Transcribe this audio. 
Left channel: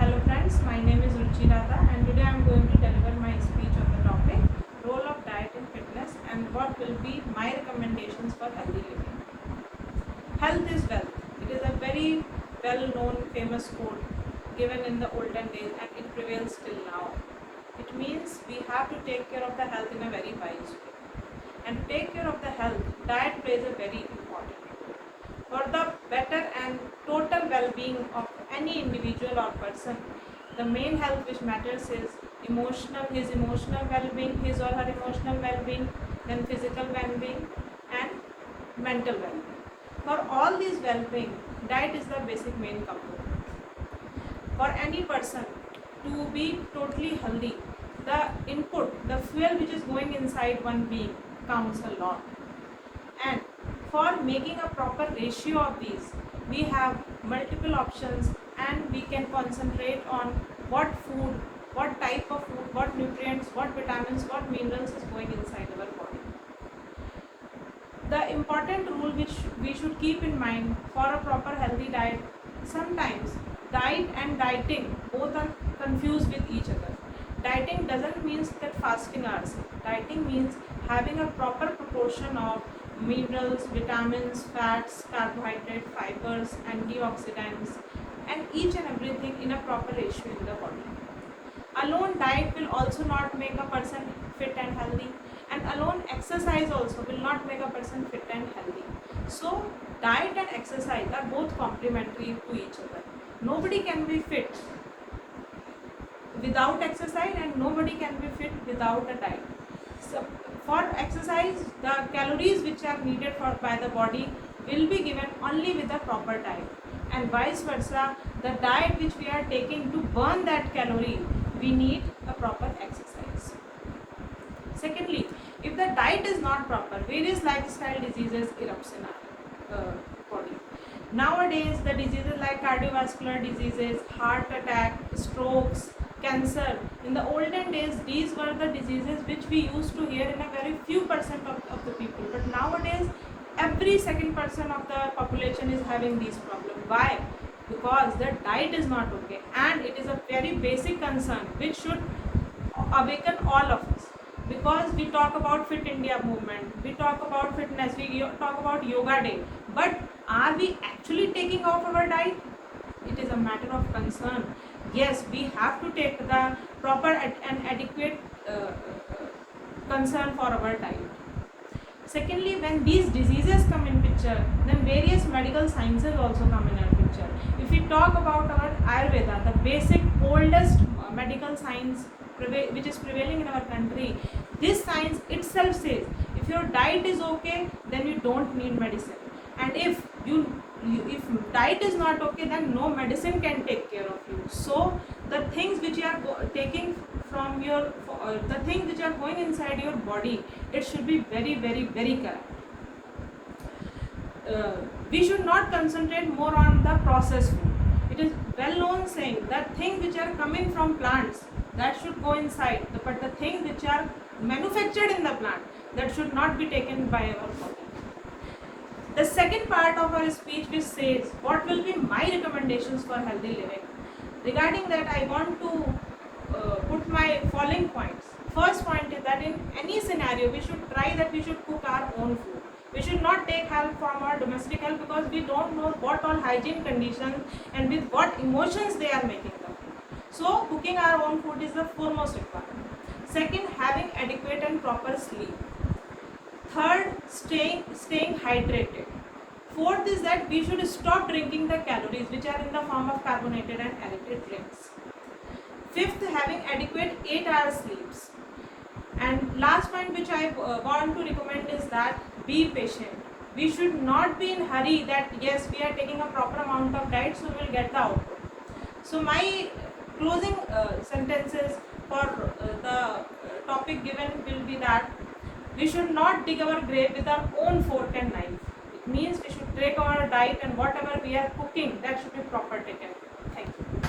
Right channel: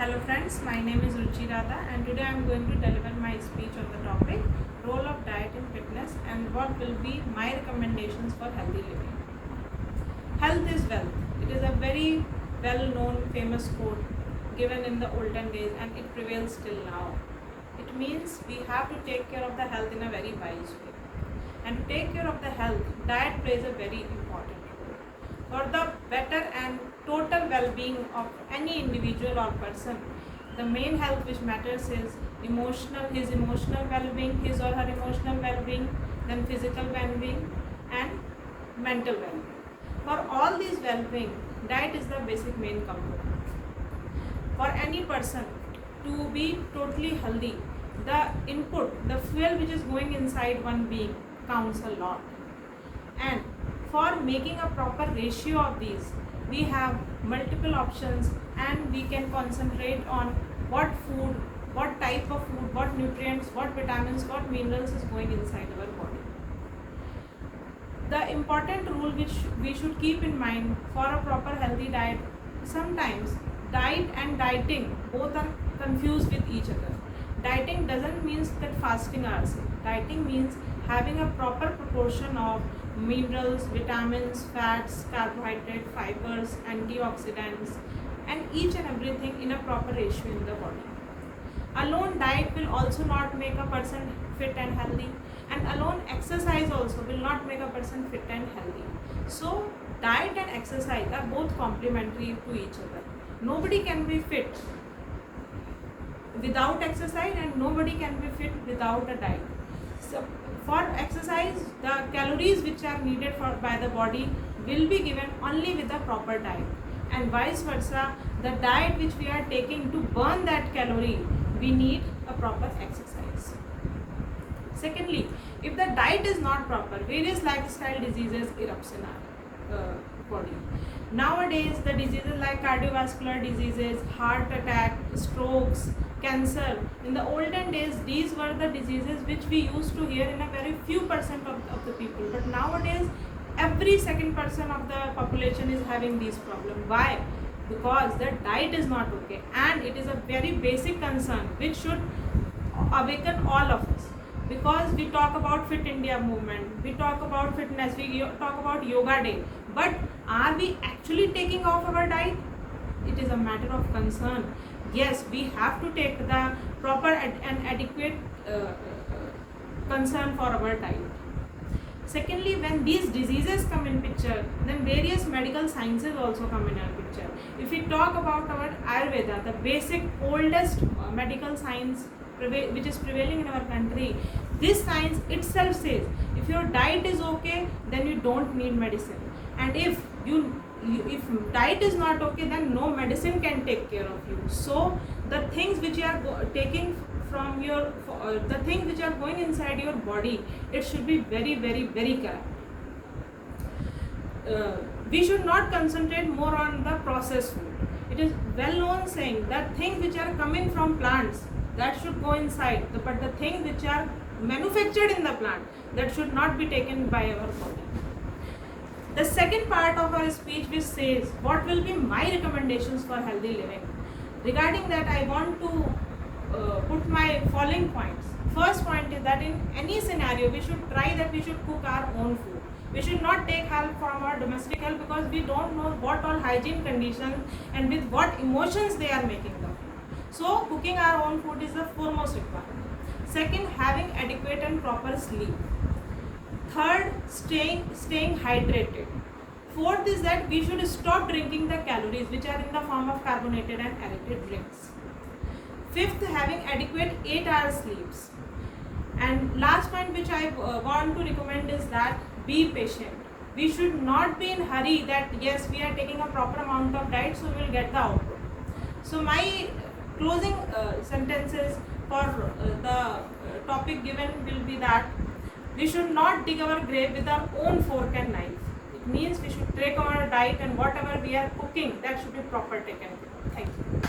Hello friends, my name is Ruchi Radha and today I am going to deliver my speech on the topic role of diet in fitness and what will be my recommendations for healthy living. Health is wealth. It is a very well known famous quote given in the olden days and it prevails till now. It means we have to take care of the health in a very wise way. And to take care of the health, diet plays a very important role. For the better and total well-being of any individual or person, the main health which matters is his emotional well-being, his or her emotional well-being, then physical well-being and mental well-being. For all these well-being, diet is the basic main component. For any person to be totally healthy, the input, the fuel which is going inside one being counts a lot. And for making a proper ratio of these, we have multiple options and we can concentrate on what food, what type of food, what nutrients, what vitamins, what minerals is going inside our body. The important rule which we should keep in mind for a proper healthy diet, sometimes diet and dieting both are confused with each other. Dieting doesn't mean that fasting are same. Dieting means having a proper proportion of minerals, vitamins, fats, carbohydrates, fibers, antioxidants and each and everything in a proper ratio in the body. Alone diet will also not make a person fit and healthy, and alone exercise also will not make a person fit and healthy. So diet and exercise are both complementary to each other. Nobody can be fit without exercise and nobody can be fit without a diet. So for exercise, the calories which are needed by the body will be given only with a proper diet, and vice versa, the diet which we are taking to burn that calorie, we need a proper exercise. Secondly, if the diet is not proper, various lifestyle diseases erupt in our body. Nowadays, the diseases like cardiovascular diseases, heart attack, strokes, cancer, in the olden days these were the diseases which we used to hear in a very few percent of the people, but nowadays every second person of the population is having these problems. Why? Because the diet is not okay, and it is a very basic concern which should awaken all of us, because we talk about Fit India movement, we talk about fitness, we talk about yoga day, but are we actually taking off our diet? It is a matter of concern. Yes, we have to take the proper and adequate concern for our diet. Secondly, when these diseases come in picture, then various medical sciences also come in our picture. If we talk about our Ayurveda, the basic oldest medical science which is prevailing in our country, this science itself says if your diet is okay, then you don't need medicine, and if diet is not okay, then no medicine can take care of you. So the things which you are taking from your the things which are going inside your body, it should be very correct. We should not concentrate more on the processed food. It is well known saying that things which are coming from plants, that should go inside, but the things which are manufactured in the plant, that should not be taken by our body. The second part of our speech which says what will be my recommendations for healthy living. Regarding that, I want to put my following points. First point is that in any scenario we should try that we should cook our own food. We should not take help from our domestic help, because we don't know what all hygiene conditions and with what emotions they are making the food. So cooking our own food is the foremost requirement. Second, having adequate and proper sleep. Third, staying hydrated. Fourth is that we should stop drinking the calories which are in the form of carbonated and aerated drinks. Fifth, having adequate 8 hours sleeps. And last point which I want to recommend is that be patient. We should not be in hurry that yes, we are taking a proper amount of diet, so we will get the output. So my closing sentences for the topic given will be that we should not dig our grave with our own fork and knife. It means we should take our diet and whatever we are cooking, that should be proper taken care of. Thank you.